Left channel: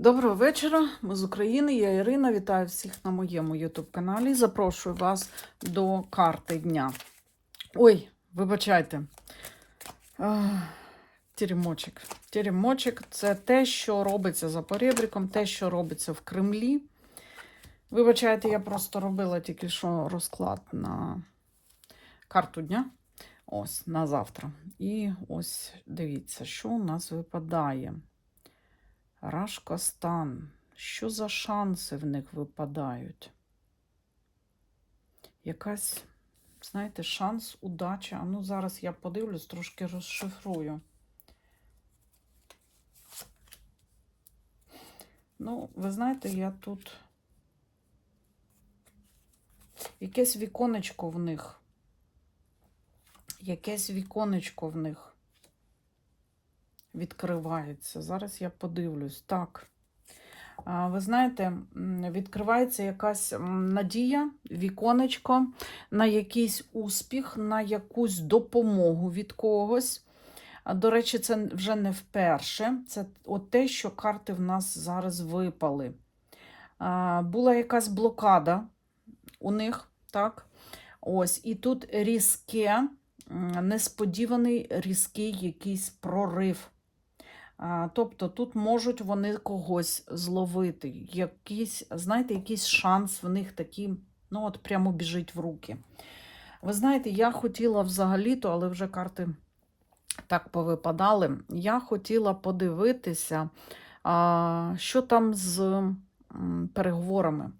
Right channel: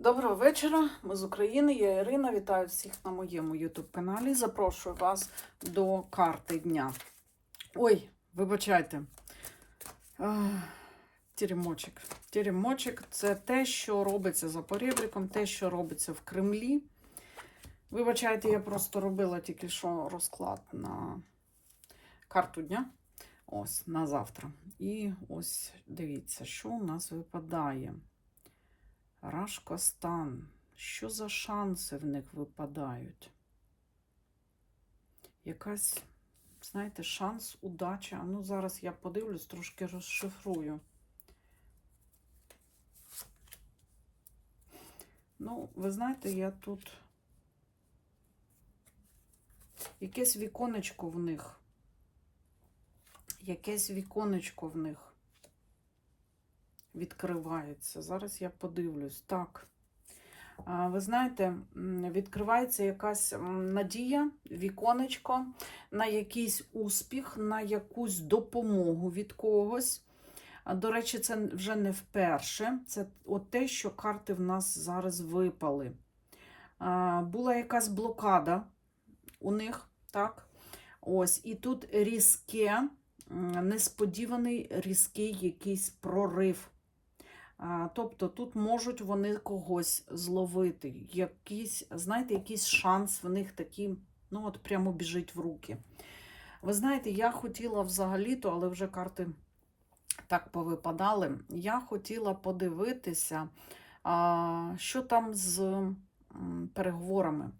Доброго вечора, ми з України, я Ірина. Вітаю всіх на моєму YouTube каналі. Запрошую вас до карти дня. Ой, вибачайте. Теремочок. Теремочок це те, що робиться за поребриком, те, що робиться в Кремлі. Вибачайте, я просто робила тільки що розклад на карту дня. Ось на завтра. І ось дивіться, що у нас випадає. Рашкостан. Що за шанси в них випадають? Якась, знаєте, шанс, удача. Ну, зараз я подивлюсь, трошки розшифрую. Ну, ви знаєте, я тут якесь віконечко в них. Якесь віконечко в них відкривається. Зараз я подивлюсь. Так. Ви знаєте, відкривається якась надія, віконечко на якийсь успіх, на якусь допомогу від когось. До речі, це вже не вперше. Це от те, що карти в нас зараз випали. Була якась блокада у них, так? Ось, і тут різке, несподіваний різкий якийсь прорив. Тобто тут можуть вони когось зловити. Якийсь, знаєте, якийсь шанс в них такий, ну от прямо біжить в руки. Ви знаєте, я хотіла взагалі-то, але вже карти так повипадали. Я хотіла подивитися, що там з переговорами.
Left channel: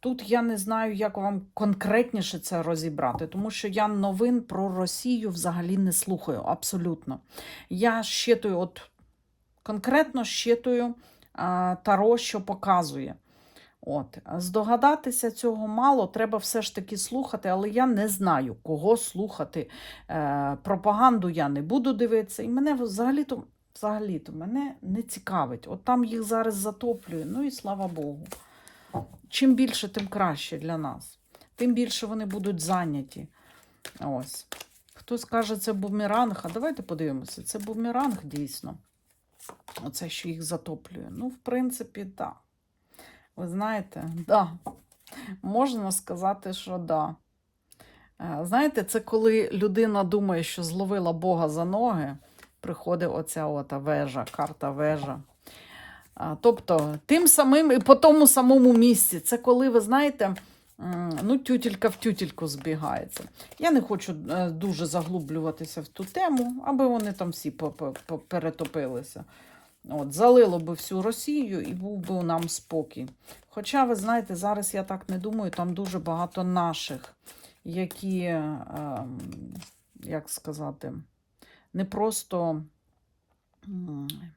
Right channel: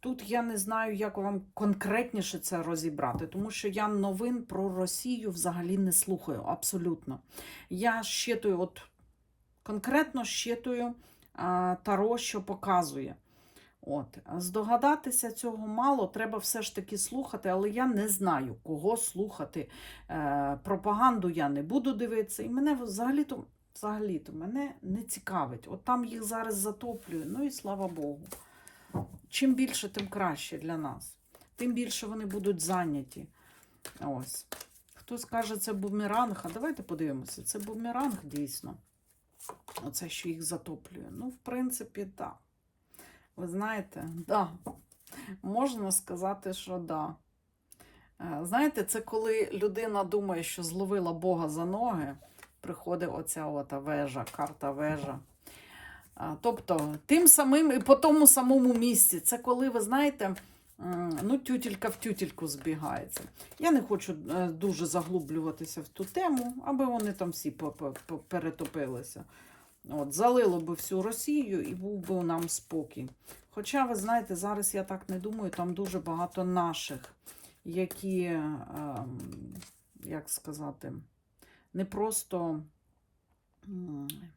Тут я не знаю, як вам конкретніше це розібрати, тому що я новин про Росію взагалі не слухаю абсолютно. Я щитую, от конкретно щитую таро, що показує. От. Здогадатися цього мало, треба все ж таки слухати, але я не знаю, кого слухати. Е, пропаганду я не буду дивитися. І мене взагалі-то, взагалі-то мене не цікавить. От там їх зараз затоплює. Ну і слава Богу. Чим більше, тим краще для нас. Тим більше вони будуть зайняті. Ось. Хтось каже, це бумеранг. А давайте подивимося. Це бумеранг дійсно. Оце, що їх затоплює. Ну, в принципі, так. Ви знаєте, да. Можна сказати, що да. Е, Знаєте, це коли людина думає, що зловила Бога за ноги, приходить оця ота вежа, карта вежа. Тобто, тим самим і по тому самому місці. Це коли, ви знаєте, ну, тютілька в тютільку збігається. Я не хочу е, дуже заглублюватися в ту тему, аби вони там всі перетопилися. От, залило би всю Росію і був би нам спокій. Хоча, ви знаєте, зараз я так не думаю, там дуже багато наших, які, ем, як сказати, не просто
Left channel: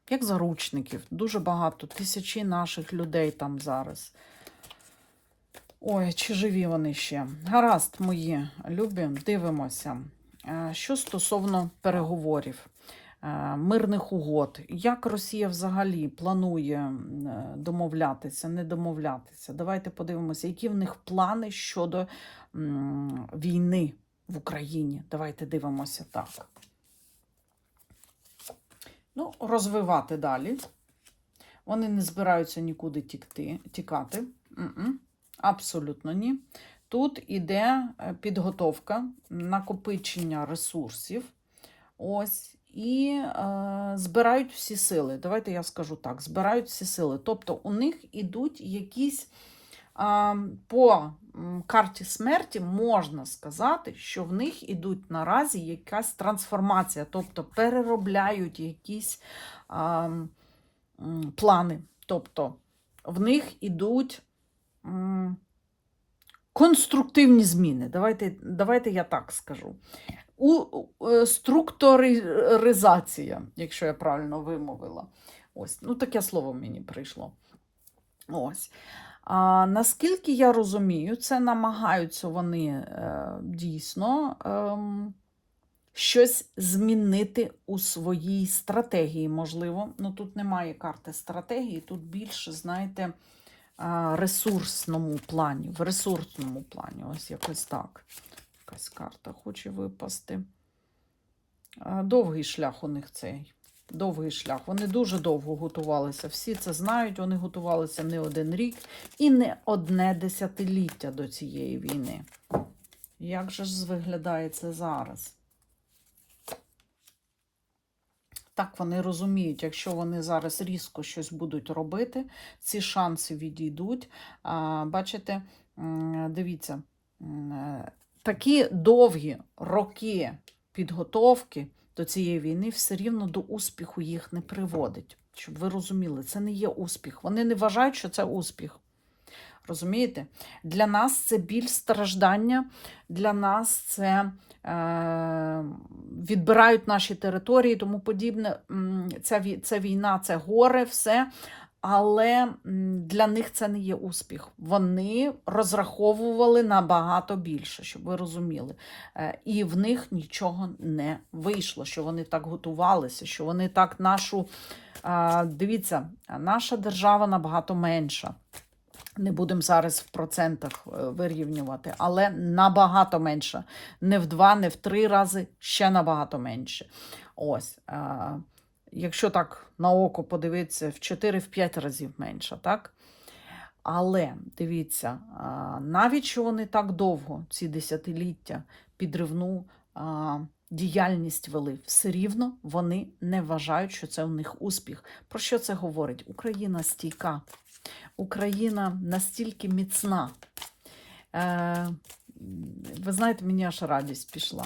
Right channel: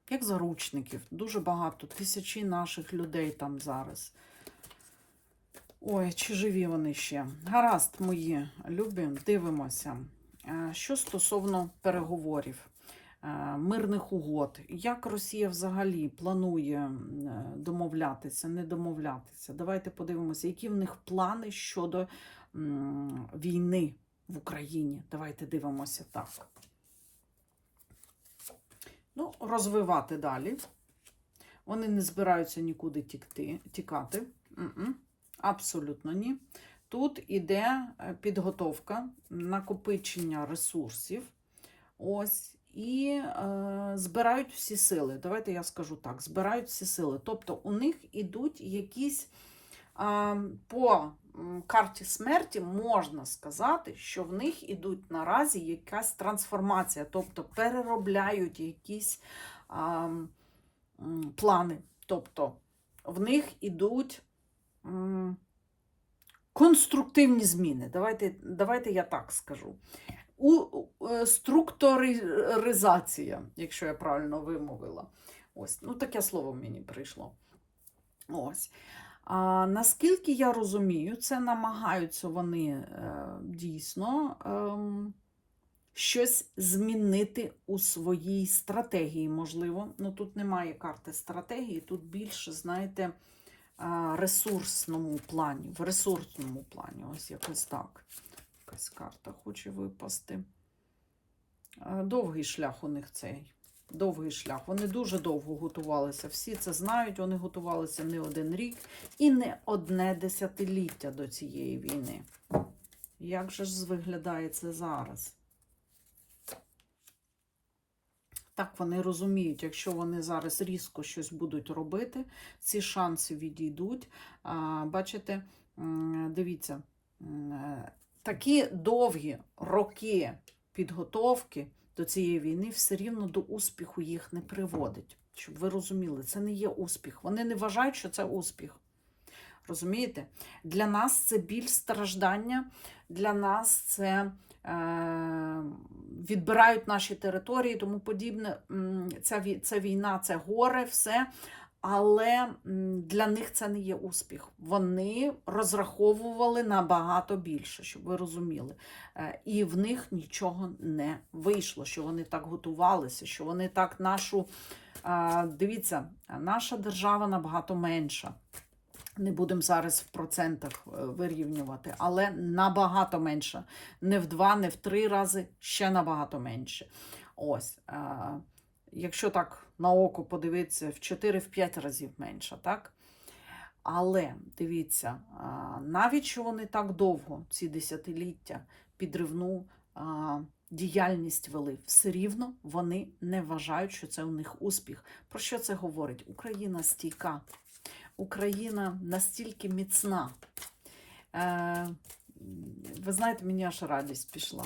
як заручників, дуже багато, тисячі наших людей там зараз. Ой, чи живі вони ще? Гаразд, мої любі, дивимося. Е, Що стосовно переговорів, е, мирних угод, як Росія взагалі планує е, домовлятися, не домовлятися? Давайте подивимося, які в них плани щодо війни в Україні. Давайте дивимося так. Ну, розвивати далі. Вони не збираються нікуди тікти, тікати. Абсолютно ні. Тут іде е, підготовка, накопичення ресурсів. Ось. І е, збирають всі сили. Давайте я скажу так: збирають всі сили. Тобто у них ідуть якісь а, по карті смерті, можна сказати, що в них ідуть наразі якась трансформація, тобто переробляють якісь а, м, плани. Тобто в них ідуть конструктивні зміни. Давайте, давайте я так скажу. У, е, структуризація, якщо я правильно вимовила. Ось, ну таке слово мені прийшло. Ось. А, наскільки я розумію, це намагаються вони е, дійсно ем, щось змінити у своїй стратегії, можливо. Ну тут немає карти стратегії, тут більше, знаєте, а, ресурсному плані, в ресурсному плані, ось якось так. Якась карта хоче випасти. Довгий шлях у них цей Довгий шлях. Вони дуже довго готувалися. Всі це знають, вони готувалися не один рік і не одне десятиліття до цієї війни. Як же ж виглядає це зараз? Так вони розуміють, якщо вони зараз різко щось будуть робити, ці шанси відійдуть. Бачите, дивіться, такі довгі роки підготовки до цієї війни все рівно до успіху їх не приводить. Щоб ви розуміли, це не є успіх. Вони не вважають, що це успіх. Розумієте? Для нас це біль страждання, для нас це е, відбирають наші території, тому подібне. Ця, війна, це горе, все. Але для них це не є успіх. Вони розраховували набагато більше, щоб ви розуміли. Е, І в них нічого не вийшло, що вони так готувалися, що вони так нашу. Дивіться, наша держава набагато менша. Не будемо зараз в процентах е, вирівнювати, але набагато менше. Не в два, не в три рази, ще набагато менше. Ось. Якщо так на око подивитися, в 4-5 разів менше, так? Але дивіться, навіть що вони так довго, ці десятиліття, підривну діяльність вели, все рівно вони не вважають, що це у них успіх. Про що це говорить? Україна стійка. Україна настільки міцна. Е, ви знаєте, мені аж радість пішла.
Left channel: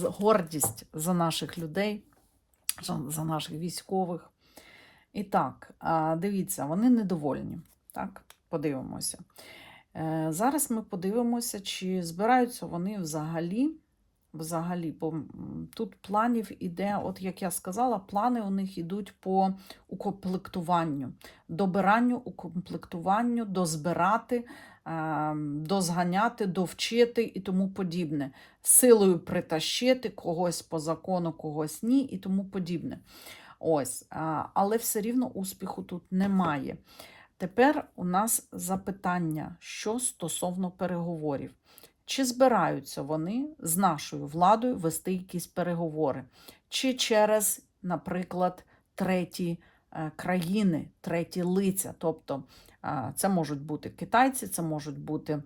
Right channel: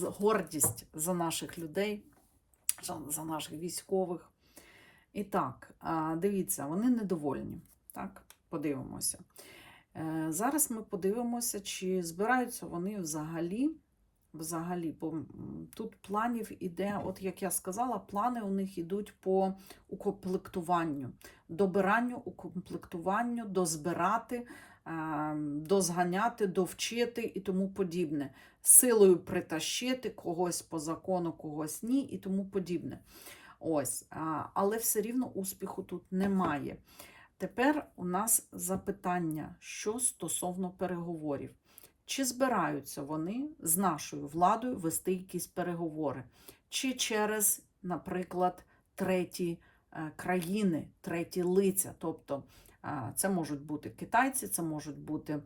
Гордість за наших людей, за- наших військових. І так, дивіться, вони недовольні. Так, подивимося. Е, Зараз ми подивимося, чи збираються вони взагалі. Взагалі, бо тут планів іде, от як я сказала, плани у них йдуть по укомплектуванню, добиранню, укомплектуванню, дозбирати, дозганяти, довчити і тому подібне. Силою притащити когось по закону, когось ні, і тому подібне. Ось, але все рівно успіху тут немає. Тепер у нас запитання, що стосовно переговорів. Чи збираються вони з нашою владою вести якісь переговори? Чи через, наприклад, треті е, країни, треті лиця? Тобто це можуть бути китайці, це можуть бути,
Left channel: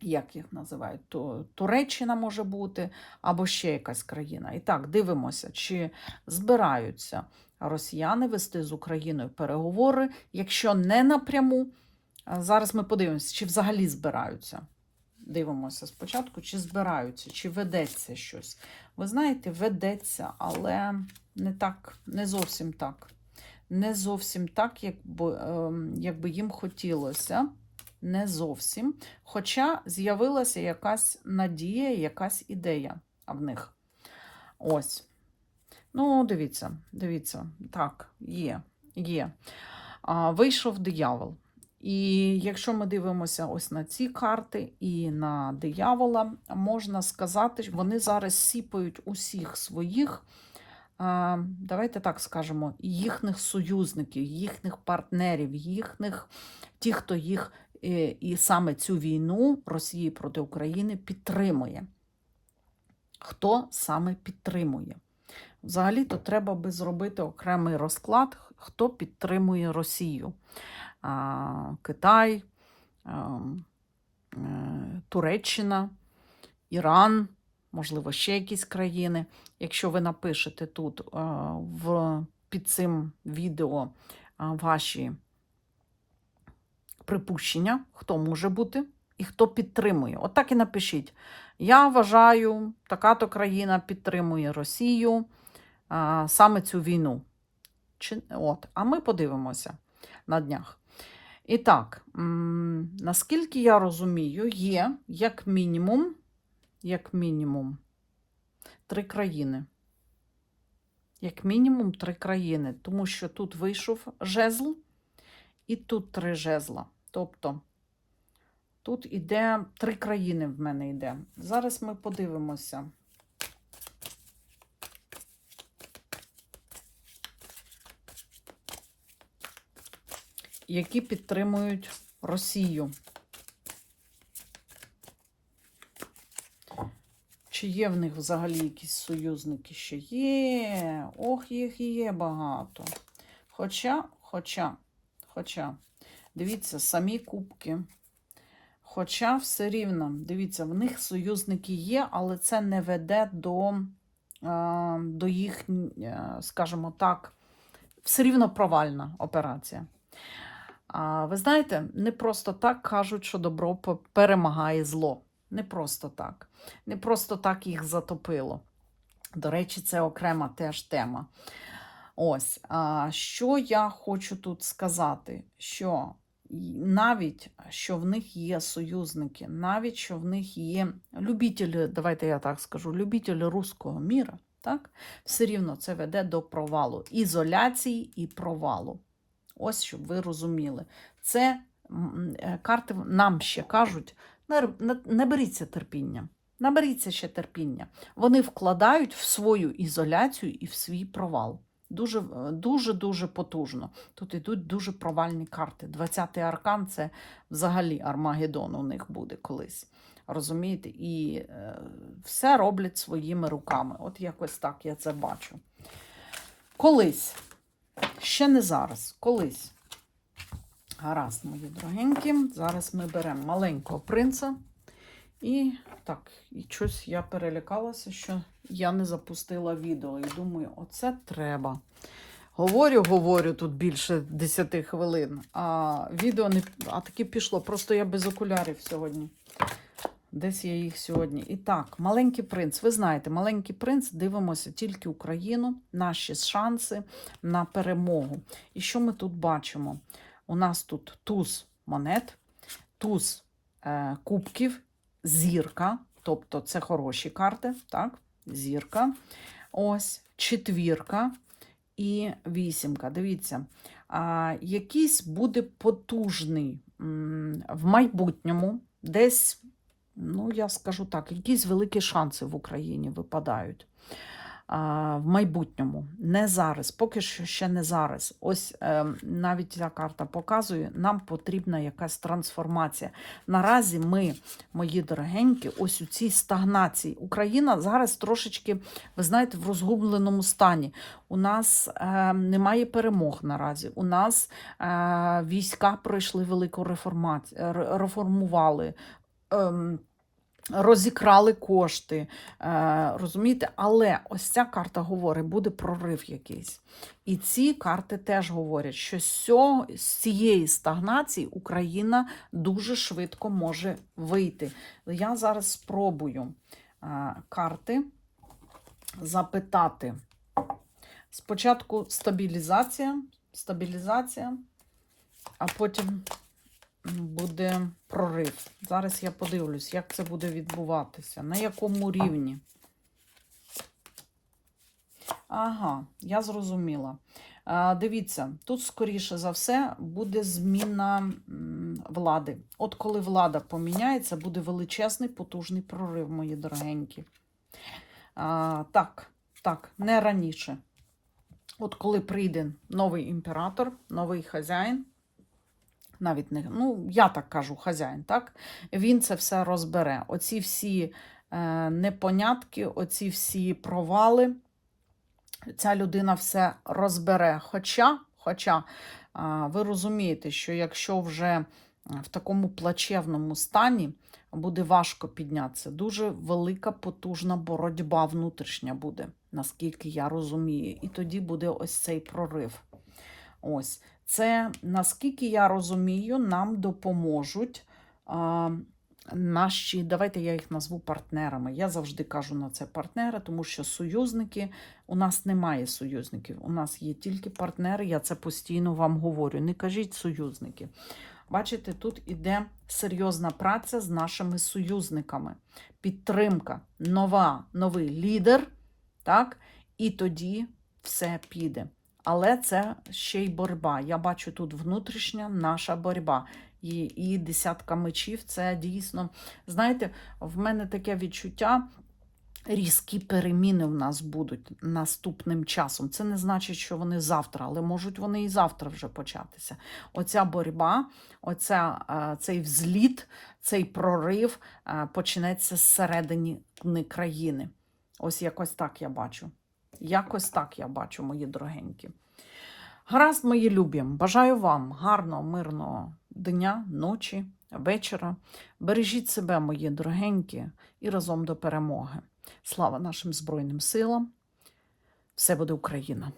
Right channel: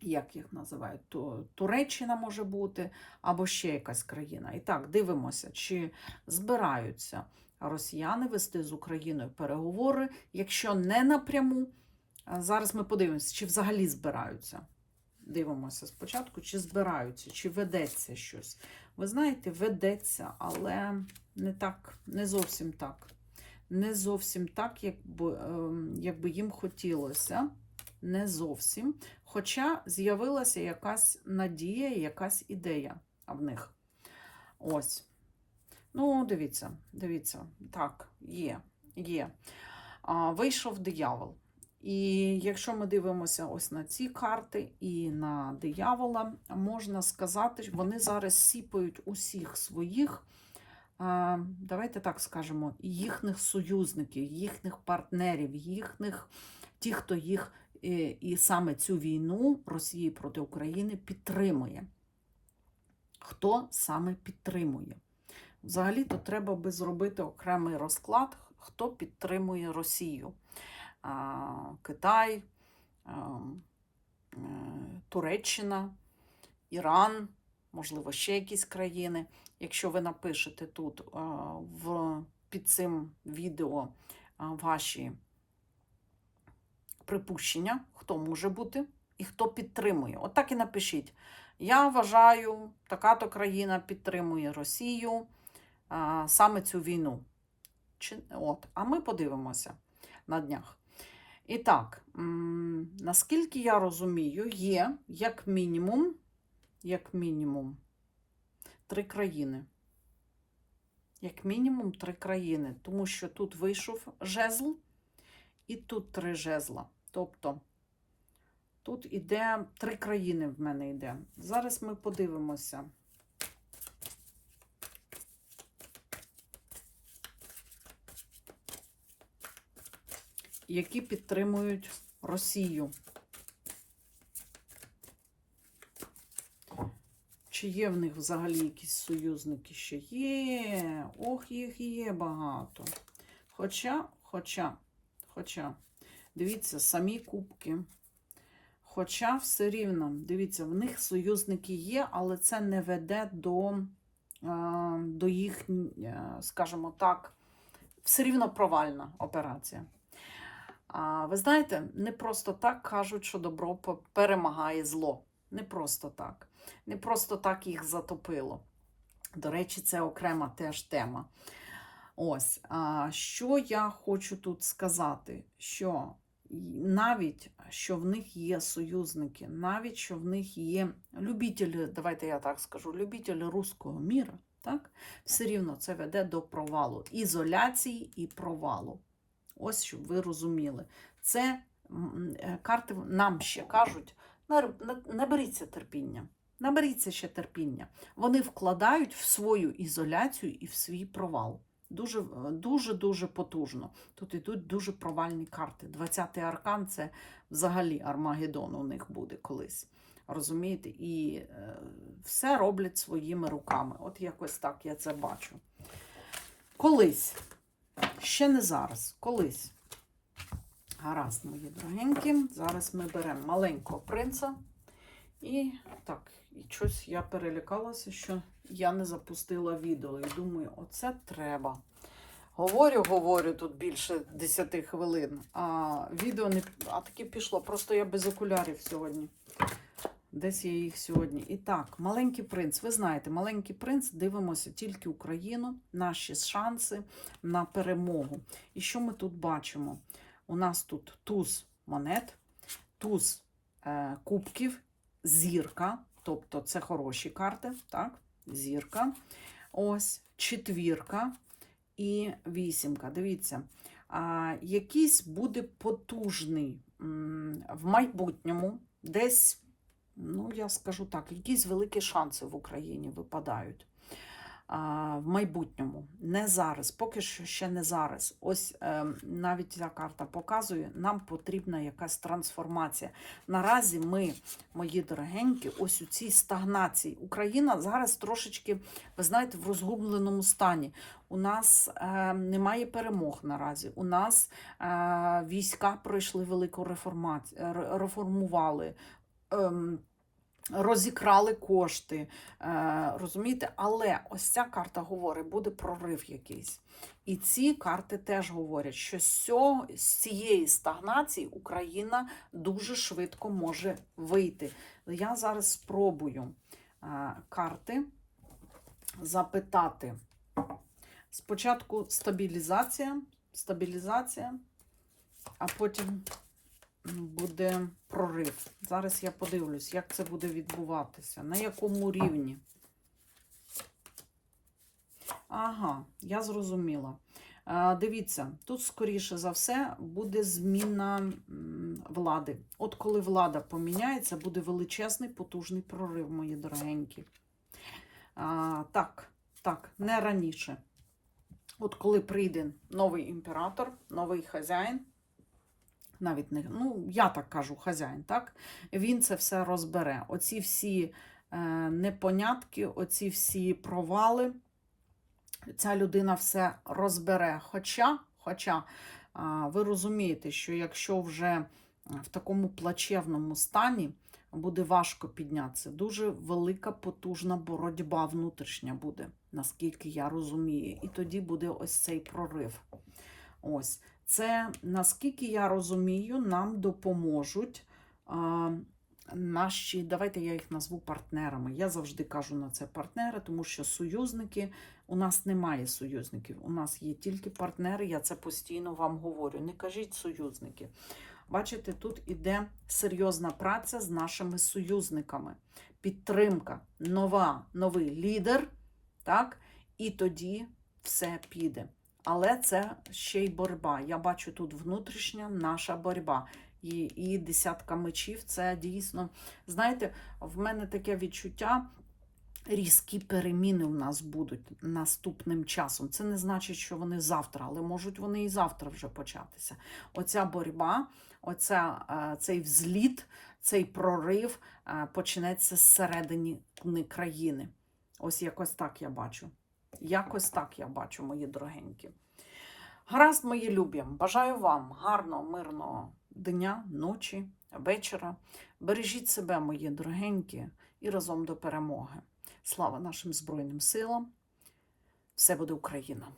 як їх називають, Ту- Туреччина може бути, або ще якась країна. І так, дивимося, чи збираються росіяни вести з Україною переговори, якщо не напряму. Зараз ми подивимося, чи взагалі збираються. Дивимося спочатку, чи збираються, чи ведеться щось. Ви знаєте, ведеться, але не так, не зовсім так. Не зовсім так, як би, ем, як би їм хотілося. Не зовсім. Хоча з'явилася якась надія, якась ідея в них. Ось. Ну, дивіться, дивіться, так, є, є. А, вийшов диявол. І якщо ми дивимося ось на ці карти і на диявола, можна сказати, що вони зараз сіпають усіх своїх, давайте так скажемо, їхніх союзників, їхніх партнерів, їхніх, ті, хто їх е, і саме цю війну Росії проти України підтримує. Хто саме підтримує? Взагалі-то треба би зробити окремий розклад, хто підтримує Росію. Китай, а, е, Туреччина, Іран, можливо, ще якісь країни. Якщо ви напишете тут е, в, під цим відео ваші припущення, хто може бути і хто підтримує. От і напишіть. Я вважаю, така-то країна підтримує Росію саме цю війну. Чи, от, а ми подивимося на днях. І так, наскільки я розумію, є як мінімум, як мінімум, три країни. Як мінімум три країни, тому що тут вийшов жезл, і тут три жезла. Тобто тут іде три країни в мене йде. Зараз ми подивимося. які підтримують Росію. Чи є в них взагалі якісь союзники? Ще є. Ох, їх є багато. Хоча, хоча, хоча, дивіться, самі кубки. Хоча все рівно, дивіться, в них союзники є, але це не веде до, до їх, е, скажімо так, все рівно провальна операція. Ви знаєте, не просто так кажуть, що добро перемагає зло. Не просто так. Не просто так їх затопило. До речі, це окрема теж тема. Ось, а, що я хочу тут сказати, що навіть що в них є союзники, навіть що в них є любителі, давайте я так скажу, любителі руського міра, так, все рівно це веде до провалу, ізоляції і провалу. Ось щоб ви розуміли. Це е, карти нам ще кажуть: наберіться терпіння. Наберіться ще терпіння. Вони вкладають в свою ізоляцію і в свій провал. Дуже е, потужно. Тут ідуть дуже провальні карти. 20-й аркан це взагалі Армагеддон у них буде колись. Розумієте? І е, все роблять своїми руками. От якось так я це бачу. Колись, ще не зараз, колись. Гаразд, мої дорогенькі. Зараз ми беремо маленького принца. І так, і щось я перелякалася, що я не запустила відео. І думаю, оце треба. Говорю, говорю тут більше 10 хвилин, а відео не а таки пішло. Просто я без окулярів сьогодні. Десь я їх сьогодні. І так, маленький принц. Ви знаєте, маленький принц дивимося тільки Україну, наші шанси на перемогу. І що ми тут бачимо? У нас тут туз монет, туз е, кубків, зірка, тобто це хороші карти, так? Зірка. Ось четвірка і вісімка. Дивіться, а, якийсь буде потужний в майбутньому, десь, ну я скажу так, якісь великі шанси в Україні випадають. В майбутньому, не зараз, поки що ще не зараз. Ось е, навіть ця карта показує, нам потрібна якась трансформація. Наразі ми, мої дорогенькі, ось у цій стагнації. Україна зараз трошечки, ви знаєте, в розгубленому стані. У нас е, немає перемог наразі. У нас е, війська пройшли велику реформацію, реформували. Розікрали кошти, е, розумієте? Але ось ця карта говорить, буде прорив якийсь. І ці карти теж говорять, що з, цієї стагнації Україна дуже швидко може вийти. Я зараз спробую е, карти запитати. Спочатку стабілізація, стабілізація, а потім буде прорив. Зараз я подивлюсь, як це буде відбуватися, на якому рівні. Ага, я зрозуміла. Дивіться, тут, скоріше за все, буде зміна влади. От коли влада поміняється, буде величезний потужний прорив, мої дорогенькі. А, Так, так, не раніше. От коли прийде новий імператор, новий хазяїн, навіть не, ну, я так кажу, хазяїн, так? Він це все розбере. Оці всі е, непонятки, оці всі провали, ця людина все розбере. Хоча, хоча ви розумієте, що якщо вже в такому плачевному стані буде важко піднятися, дуже велика потужна боротьба внутрішня буде, наскільки я розумію. І тоді буде ось цей прорив. Ось. Це, наскільки я розумію, нам допоможуть а, наші, давайте я їх назву партнерами. Я завжди кажу на це партнери, тому що союзники, у нас немає союзників, у нас є тільки партнери, я це постійно вам говорю. Не кажіть союзники. Бачите, тут іде серйозна праця з нашими союзниками. Підтримка, нова, новий лідер, так? І тоді все піде. Але це ще й боротьба. Я бачу тут внутрішня наша боротьба. І, і десятка мечів це дійсно. Знаєте, в мене таке відчуття, різкі переміни в нас будуть наступним часом. Це не значить, що вони завтра, але можуть вони і завтра вже початися. Оця боротьба, оця, е, цей взліт, цей прорив е, почнеться зсередини країни. Ось якось так я бачу. Якось так я бачу, мої дорогенькі. Гаразд, мої любі, бажаю вам гарного, мирного дня, ночі, вечора. Бережіть себе, мої дорогенькі, і разом до перемоги. Слава нашим Збройним силам! Все буде Україна!